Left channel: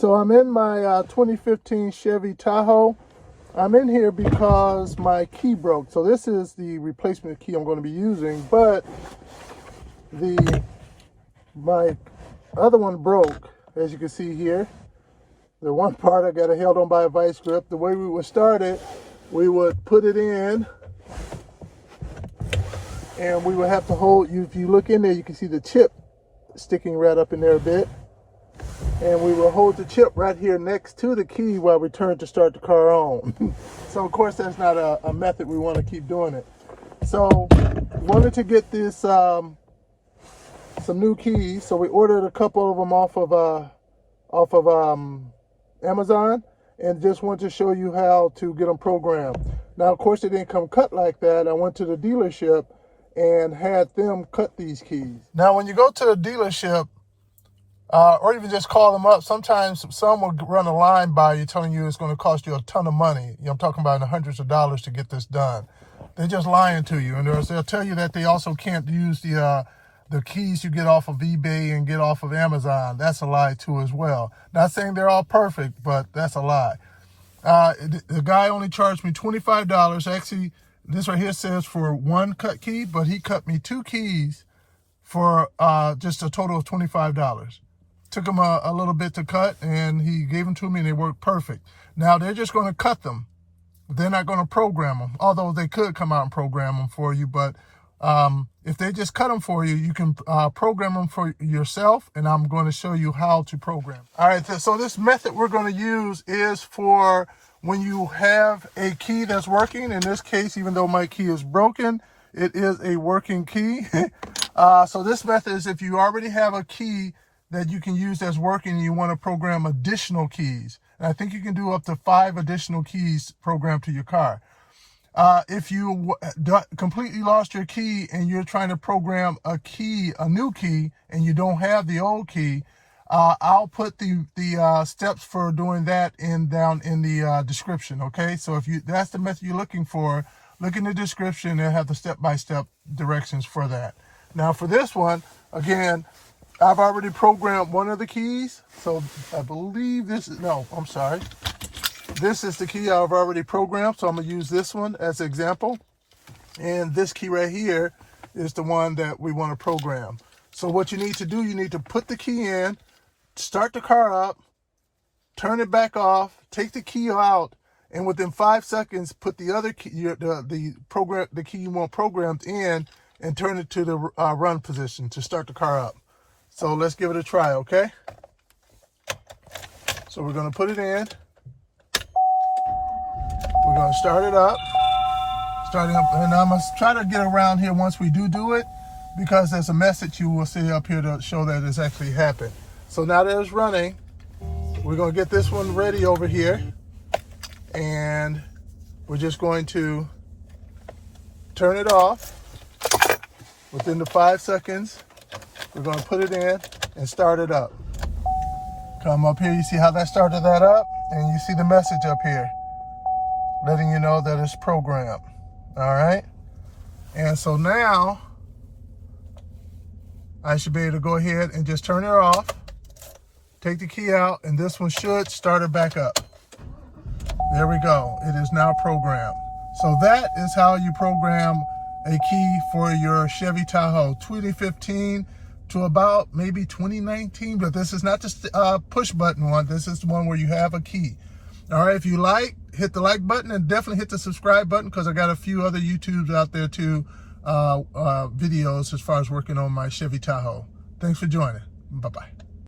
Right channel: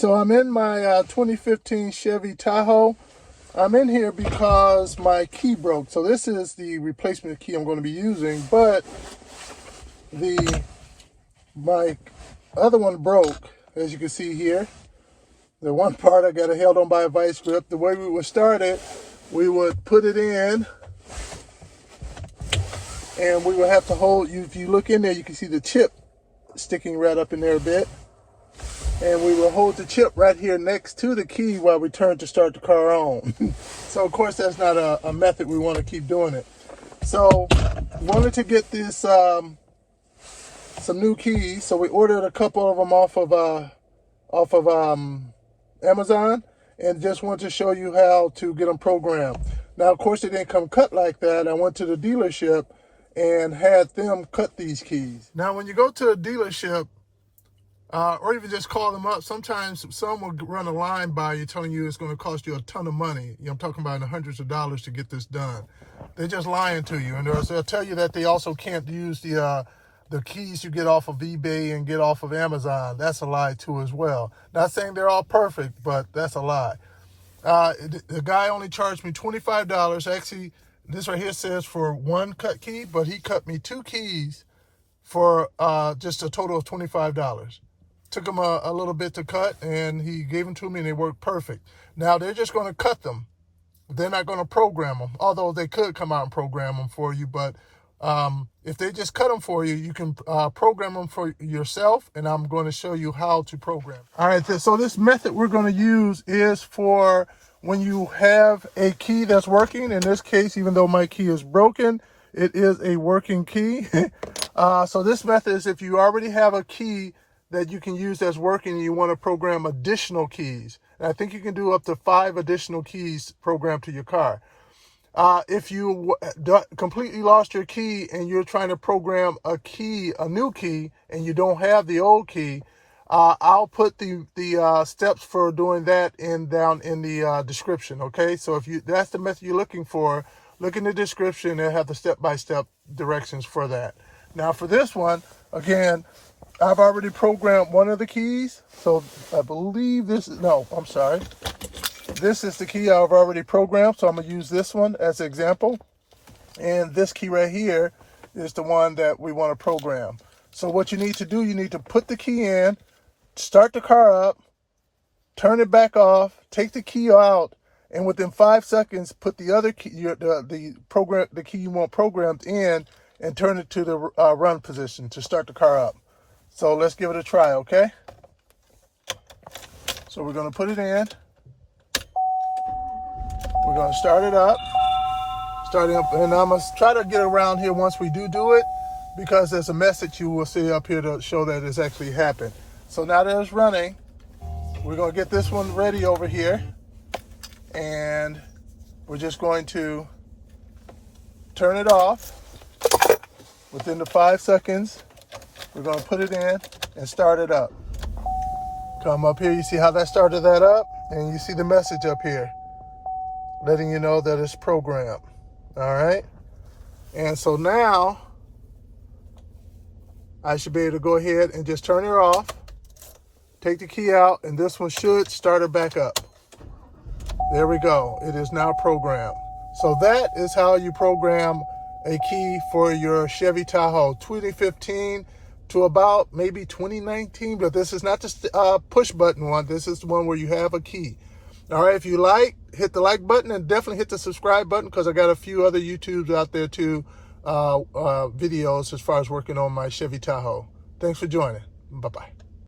So I'm in my 2015 Chevy Tahoe. I'm in here because my key broke. So this is the replacement key I'm going to be using, but my other one broke, as you can see here. The one part I got it held on by a vice grip. The way we would start it, we would put it in, and we would have to hold. If you look in there, you can see the chip sticking right up in there a bit. And we will hold the chip right here next to the key while we turn to start the car on. So of course that's not a method we want to keep doing it. So wanted to get this some new keys. So we ordered a couple of them off of Amazon, and just want to show you how to get them programmed. Now of course they didn't come cut like that. I went to the dealership and had them cut these keys. Now when you go to a dealership, or even just call them up, sometimes some will run a line by you telling you it's going to cost you a ton of money. I'm talking about in the hundreds of dollars to get this done. They're just lying to you. And they'll tell you that they also can't use the keys you get off of eBay and get off of Amazon. That's a lie too as well. Not saying they're all perfect, but that's a lie. The guy only charged me $25. Actually, this right here says for one cut key, but he cut me 2 keys for just a total of $25. Took them a little bit to cut, and he gave them to me, and they worked perfect. Now, they're just going to cut them. They're not going to program them, although they could come out and program them for you. But if they just cut them for you, you can program them for yourself, and I'm going to show you how to program. All right, so this method we're going to use is for when you have a key that's working. In this case, even though my key is broken, it is a working key. So this method is if you already have a key that you can use that's working and you want to program additional keys. And I think you can do up to 5 additional keys programmed to your car. If you completely lost your key and you're trying to program a new key, and you don't have the old key, I'll put the steps for doing that down in the description, okay? So if that's the method you're looking for, look in the description. They'll have the step-by-step directions for that. Now for this one, again, I've already programmed one of the keys. So I believe this is the key I've already programmed. So I'm gonna use this one as an example. And this key right here is the one that we want to program. So what you need to do, you need to put the key in, start the car up, turn it back off, take the key out, and within 5 seconds, put the other key, the key you want programmed in, and turn it to the run position to start the car up. So let's give it a try, okay? So we're going to put it in. We're going to start it up. And I'm going to try to get around here once we do it, because there's a message you will see up here to show that it's actually happened. So now that it's running, we're going to get this one ready over here. And we're just going to turn it off. Within the 5 seconds, we're going to put it in and start it up. Come up here, you see how that started that up? And you see the message up here letting you know that it's programmed. All right? And so now I should be able to go ahead and just turn it off, take the key out, and this one should start it back up. There we go. It is now programmed. So that is how you program a key for your Chevy Tahoe 2015 to about maybe 2019, but this is not the push button one. This is the one where you have a key. All right, if you like, hit the like button, and definitely hit the subscribe button, because I got a few other YouTubes out there too, videos as far as working on my Chevy Tahoe. Thanks for joining. Bye-bye.